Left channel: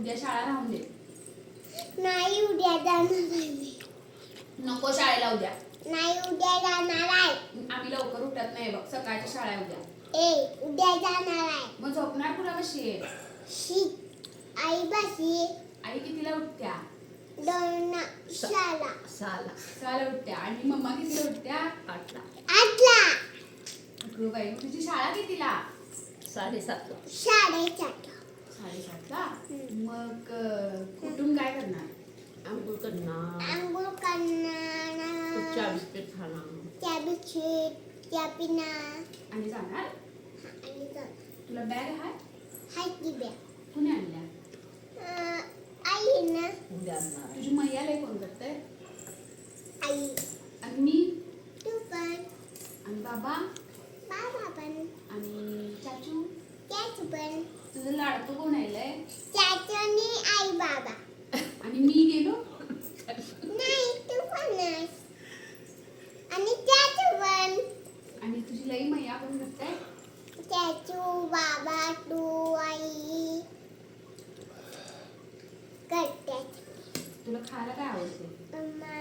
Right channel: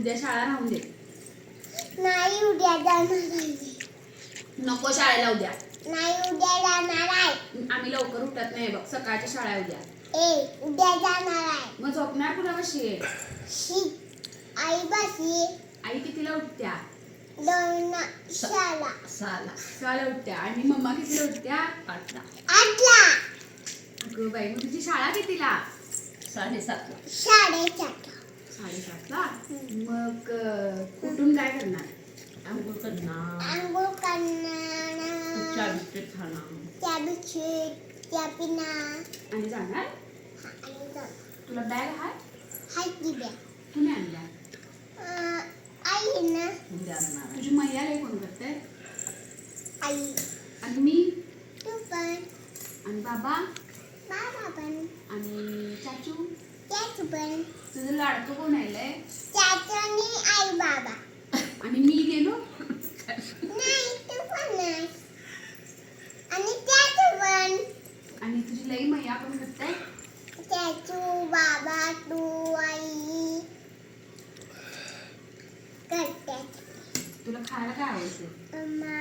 उद्या शाळा राहून दे. नाही उद्या जाणार आहे. नको शाळेला उद्या. नाही उद्या जाणार आहे. आम्ही लवकर उठत नाही बघ सकाळची शाळा आहे उद्या. ए उद्या जाणार आहे. मग झोपणार कुठं कशी आहे शी आई बसी आई कितीला उठत्या? दोन शाळा सहाला. सहाला उठत्या. आणि मम्मा कितीला उठत्या? आठला. आठला. अगं बाई मग तुझी शाळा कितीला? साडेसातला. साडेसातला. साडेसातला मग कुठून काय करणार? आंघोळ करणार. आंघोळ करणार. चहा बिस्किट खाणार. त्या बिस्किट त्या पिना आणि जाणार? आणि जाणार. तुला बॅग हाय? हाय की ब्या कुणी आणल्या? अं, आई ना. तुझी मैया लय कोण करते? आई. आणि मी? तू पण. आणि बाबा? तुझं लाडकं कोण आलंय आई बाबा आणि मी गेलो? नाही तू पण नाही. आणि त्याच पण. आणि तुझी लई मैया कोण करते त्याचू बाबा तू आई करतात तुला खायला काय आवडतं मम्मा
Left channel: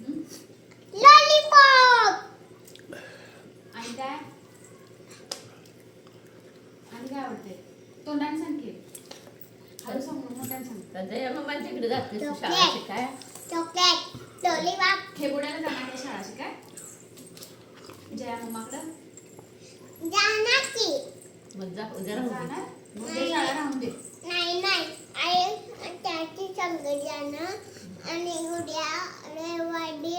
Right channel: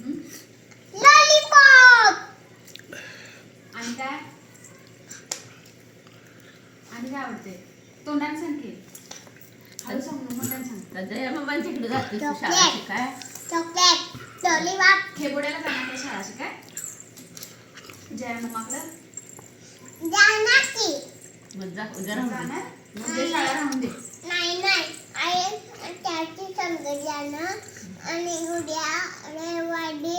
हं? लॉलीपॉप आणि काय आणि काय आवडते. तोंडाने सांग की हळू सांग मग मोठ्याने सांग. त्याच्या मम्मांच्या इकडे जाते तू शाळा चॉकलेट. शिकाय. चॉकलेट. लॉलीपॉप. खेबोड्याला जाणार काय शाळा शिकाय. जया मम्माकडं. जाणार की मग जा उद्या राहू दे. जाणार? मग उद्या शाळा राहून दे. नाही नाही. आई त्याची संग जाणं आणि उद्या रविवारी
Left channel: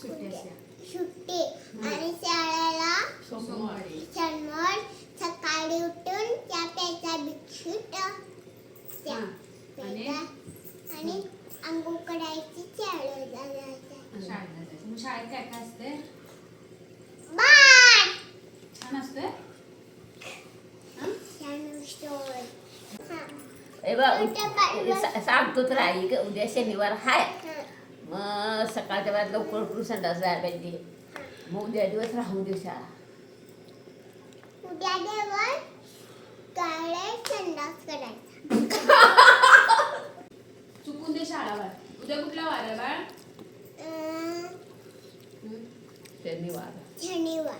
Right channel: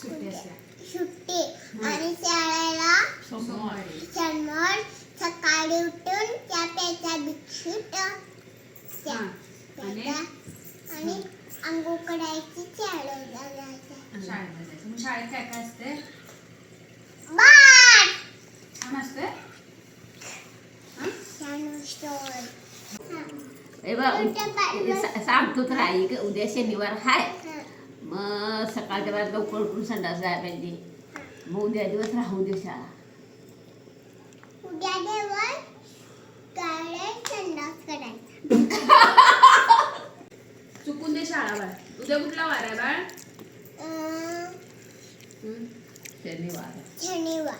सुट्टी असल्या. सुट्टी आणि शाळेला सोमवार शनिवार सकाळी उठून त्या प्यायच्या बिस्किट त्या हां. आणि? आणि अंघोळ करायची शाळेला जायचं. शाळेला जायचं. मग शाळेत काय काय असते? बाय छान असते? हं? छान स्टोर ए बा उद्या बाय- सा- सांगतो तुला आई की उद्या शनिवार हाय. मग सकाळच्या वेळात लवकर उठून संडास जायला पाहिजे. मग उद्या दिवस राहू दे शाळा. उद्या करायचा चुकून दे शाळा बाळ. उद्या कुठला वार आहे बाळ? हं? शनिवार. शनिवार.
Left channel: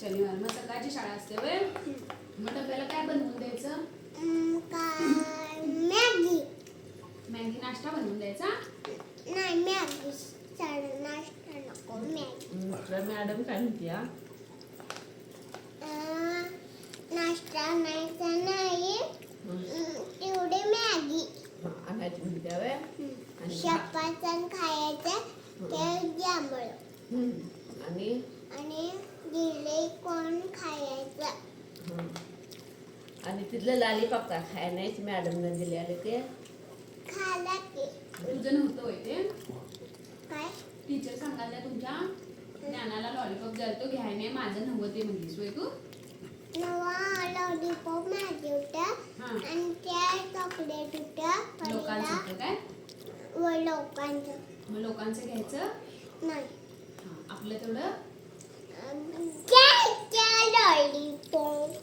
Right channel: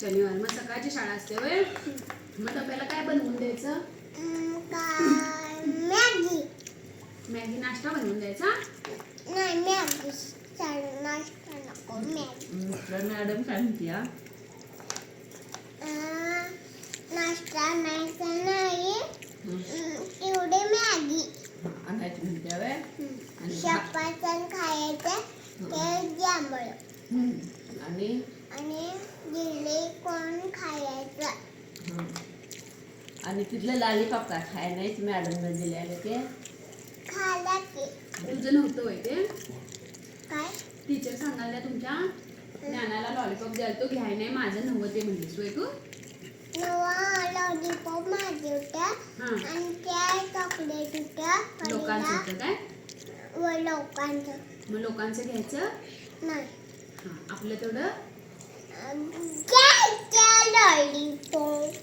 शनिवार. मग सकाळची शाळा असते वय मग डब्याला काय बनवून द्यायचं? मॅगी. मॅगी नाश्ता बनवून द्यायचा? नाही मॅगी. नाश्ता नको मॅगी. मॅडम काय म्हणते नाश्ता नाश्ता नाही. मॅगी. हा, आणायची म्हणते हवे आणि खायचं ते जांभळ. हं. आणि? आणि जिले कोण खायचं. हं. आणि तिथलं लालीपाप का खाय नाहीच मॅडमनं दिलेलं ते. खाला की. तुझं नव्हतं होय ते? काय? टीचर सांगायला तुमच्या ज्ञानाला लॉलीपॉप द्यायला तो घ्याय नाही माझं नव्हतं ते म्हणलीस होय तू? नवा लॉलीपॉप माझे होत्या हां आणि त्या चॉकलेट होत्या लोकांचं पहिला होतं काय व लोकांचं मग लोकांचं घ्यायचं? नाही. हां आपलं तेवढं? घ्यायच्या लॉलीपॉप.